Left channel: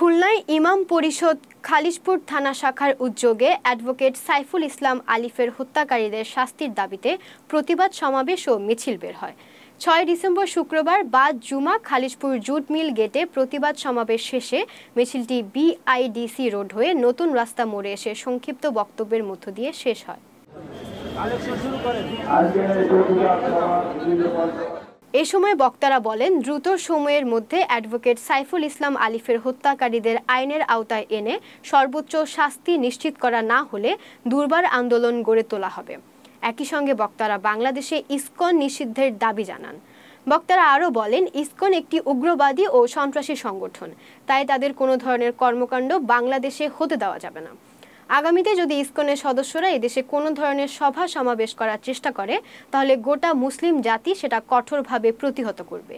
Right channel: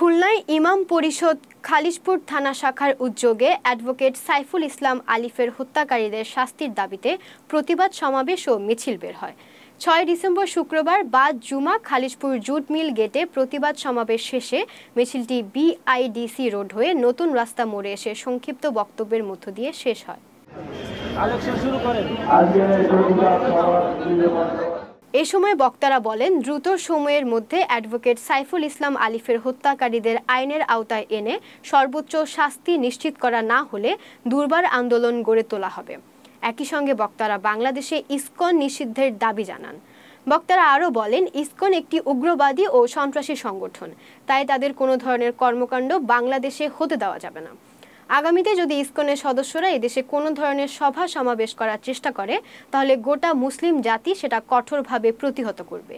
খুলনায় ইমাম পরিষদ খালিশপুর থানা শাখার উদ্যোগে অ্যাডভোকেট সাইফুল ইসলাম আলিফের হত্যাকারীদের শাস্তির দাবিতে প্রতিবাদ সমাবেশ ও মিছিল বের হয়। ৬ ডিসেম্বর শুক্রবার বাদ জুমা খালিশপুর জুট মিল গেটে প্রতিবাদ সমাবেশ শেষে মিছিলটি বিআইডিসি রোড হয়ে নতুন রাস্তা মোড়ে এসে সংক্ষিপ্ত বক্তব্যের মধ্য দিয়ে শেষ হয়। এ সময় বক্তারা বলেন, দ্রুত সময়ের মধ্যে অ্যাডভোকেট সাইফুল ইসলাম আলিফের হত্যাকারীদের আইনের আওতায় এনে সর্বোচ্চ শাস্তি নিশ্চিত করা না হলে দুর্বার আন্দোলন গড়ে তোলা হবে। একই সঙ্গে বক্তারা বাংলাদেশে ইসকন নিষিদ্ধের দাবি জানান। বক্তারা আরও বলেন, ইসকন একটি উগ্রবাদী ও সন্ত্রাসী সংগঠন, তাই তাদের কোনো ধরনের কর্মকাণ্ড বাংলাদেশে হতে দেওয়া যাবে না। আগামীতে যদি ইসকনের সদস্যরা এদেশে কোনো ধরনের সভা সমাবেশ করার চেষ্টা করে তাহলে গোটা মুসলিম জাতি সেটা কঠোরভাবে প্রতিহত করবে।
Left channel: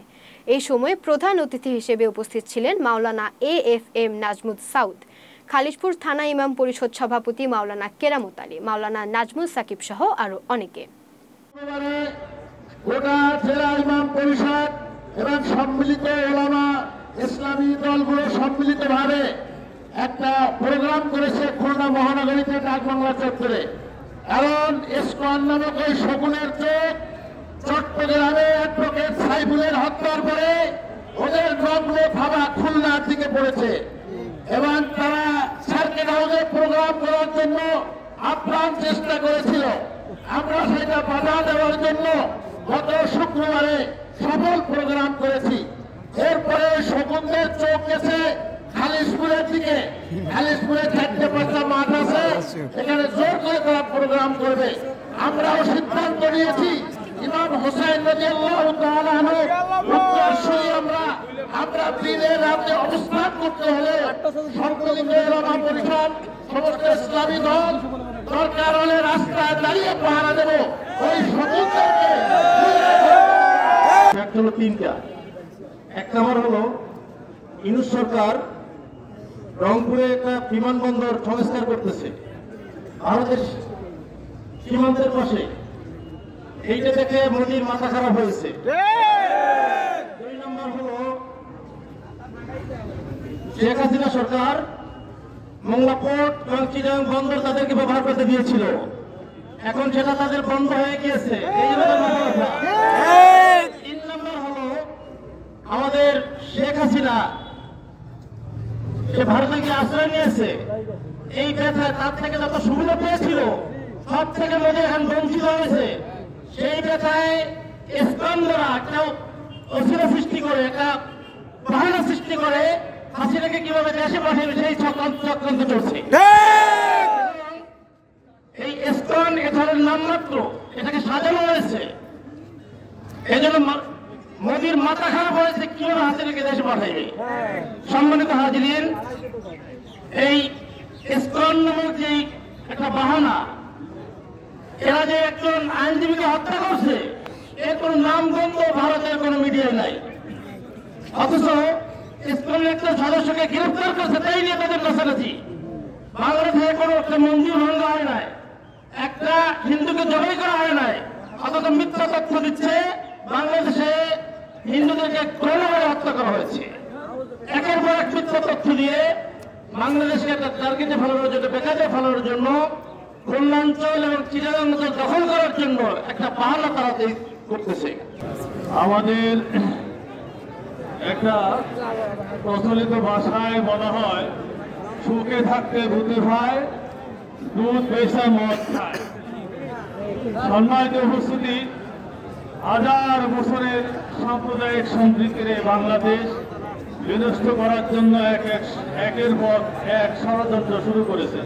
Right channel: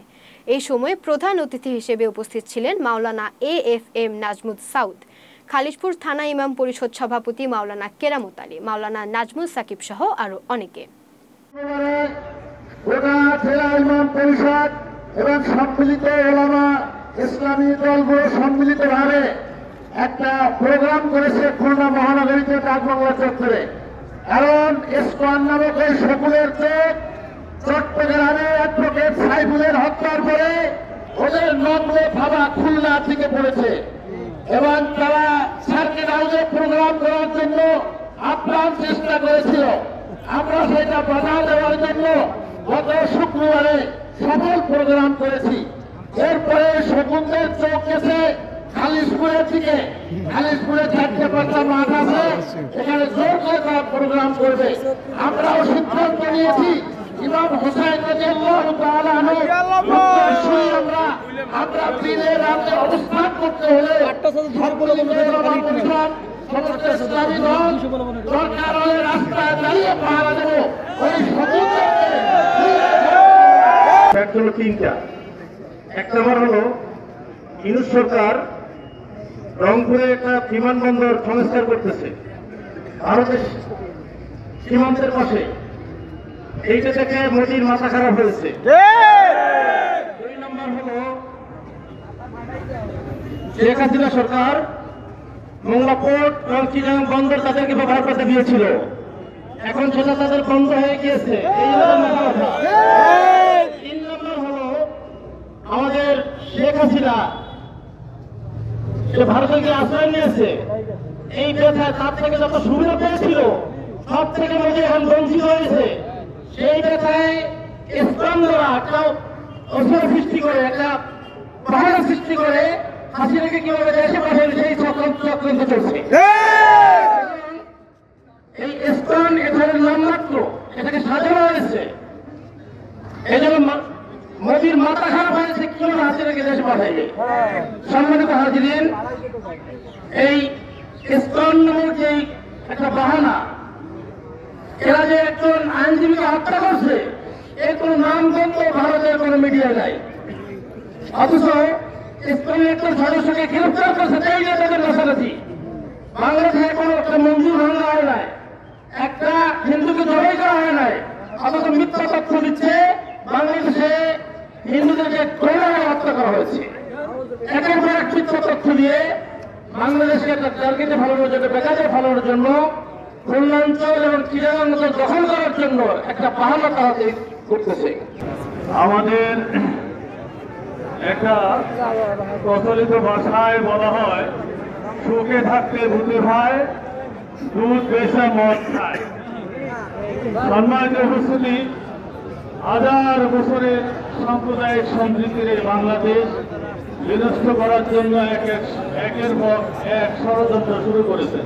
এই সময় প্রধান অতিথি হিসেবে উপস্থিত ছিলেন মাওলানা AFM নাজমুল সাউদ, খালিশপুর থানা ইমাম পরিষদ সভাপতি মাওলানা কেরামত আলী, মাওলানা নাজমুল সাকিব সহ আরো অনেকে। একটা প্রোগ্রাম করেছে খুলনা মহানগরীতে ডাকবাংলা চত্বরে। কারণ ইসকন নামক এই সকলের চোখ চট্টগ্রামে অ্যাডভোকেট সাইফুলের হত্যার পরে ওদের নম্র থাবা খুলনা থেকে পড়েছে এবং তারা সার্কিট হাউসে প্রোগ্রাম করার জন্য আপ্রাণ চেষ্টা করেছিল। আমরা সেটা বাধা দেওয়ার জন্য গত শুক্রবারে সফল প্রোগ্রাম করেছি। এরপরে সকলের চোখ গেছে খালিশপুরের দিকে। খালিশপুরে 4-5টা মাঠ আছে, এখানে জোর করে তারা প্রোগ্রাম করবে। আমরাও সিদ্ধান্ত নিয়েছি ইমাম হুসাইন রাদিয়াল্লাহু তাআলা আমরা দিনের রাতে অবস্থান করতে হলে সমস্ত ইসলামী দল দরকার হলে রাস্তায় দাঁড়িয়ে পাহারা দেব। ওই সকলকে তিনটা। একটা হলো ইউনুস সরকার রংপুরে একটা বিমানবন্দর সংস্কার করতেছে ভারতের সীমান্তের পাশে। এইটা দেখে মোদির মাথা খারাপ হয়েছে। 2 নম্বর হলো শেখ হাসিনা সরকার মংলা পোর্ট এবং চিটাগাং বন্দর তাদেরকে ব্যবহার করতে দিয়েছিল, এখন সেটা তাদের বন্ধ হয়ে গিয়েছে। এই হলো 3 নম্বর হলো আমাদের শেখ হাসিনা সে ভারতকে আশ্রয় নিয়েছে। এই ব্যথায় তার থেকে যত সুবিধা পেয়েছিল সব থেকে এখন বঞ্চিত হয়েছে। সেই ব্যথায় ইসকনরা একটা অসুবিধা সৃষ্টি করে, একটা বাহানা সৃষ্টি করে হাসিনাকে কিভাবে দেশে পাঠাবে সেই চক্রান্ত চলছে। এই ইসকন এখানে নামমাত্র, এটাকে সাজানো হয়েছে। এই জন্য মোদির মাথা খারাপ হয়েছে, কিভাবে হাসিনাকে দেশে পাঠাইবে। সম্মানিত হাজিরিন, এই ইসকন নামক যে একটা বাহানা, এরা যে একজন আইনজীবীকে হত্যা করছে এর কোন নাম গন্ধ ভারতের কোন মিডিয়া নাই, অথচ ইসকনের একজন সদস্যকে গ্রেফতার করছে তাই না তাদের কাছাকাছি। বাংলাদেশে কোনো একটা মন্দির ভাঙা হয় নাই, একটা হিন্দুকে জবাই করা হয় নাই, অথচ মিথ্যা তথ্য দিচ্ছে বাংলাদেশে হিন্দুদেরকে ক্রমে হত্যা করা হয়েছে। একের পর এক মিথ্যা তথ্য দিয়ে বাংলাদেশকে একটা টার্গেটে ফেলানোর জন্য, বেকারে ফেলানোর জন্য, খুলনা অঞ্চল এবং চিটাগাং অঞ্চল দখল করার জন্য একটা বাহানা তারা করতেছে। আমাদের একটা প্রচলিত ভাষায় বলা হয়, সুখে থাকতে ভূতে ভাই, দুধ বেশা মদ খায়। সম্মানিত উপস্থিতি, 1000 বছরের সাম্প্রদায়িক সম্প্রীতির বাংলাদেশ বিনষ্ট করার জন্য একের পর এক ষড়যন্ত্র শুরু করেছেন।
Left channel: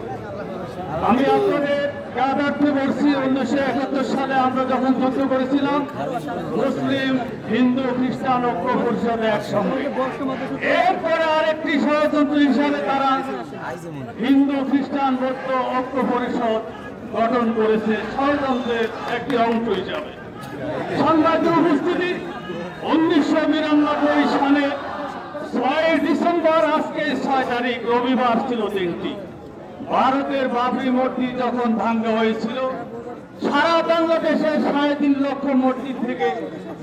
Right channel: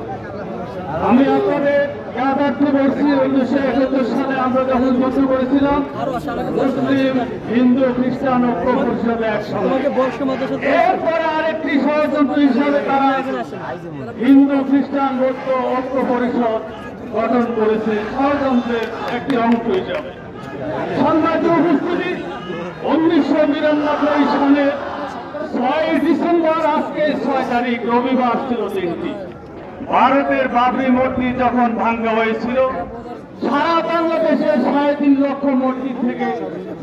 আমি আপনাদের জ্ঞাতার্থে বলছি, 1971 সালে আমরা যখন যুদ্ধ করেছিলাম মুসলিম হিন্দু খ্রিস্টান ঐক্য পরিষদে একসঙ্গে। এরপরে আরেকটি ষড়যন্ত্র হিসাবে তারা হিন্দু খ্রিস্টান ঐক্য পরিষদ গঠন করেছে, ষড়যন্ত্রের একটি অংশ হিসাবে। সম্মানিত উপস্থিতি, 1992 সালে 6 ডিসেম্বর, আজকে 6 তারিখ রবিবার ছিল দিনটি। ভারতের বাবরি মসজিদ যখন ভাঙ্গা হয়েছিল, সারা বাংলাদেশে 3.5 লক্ষ মসজিদ থেকে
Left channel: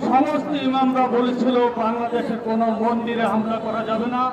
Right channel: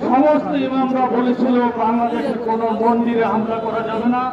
সমস্ত ইমামরা বলেছিল বাংলাদেশের কোন মন্দিরে হামলা করা যাবে না।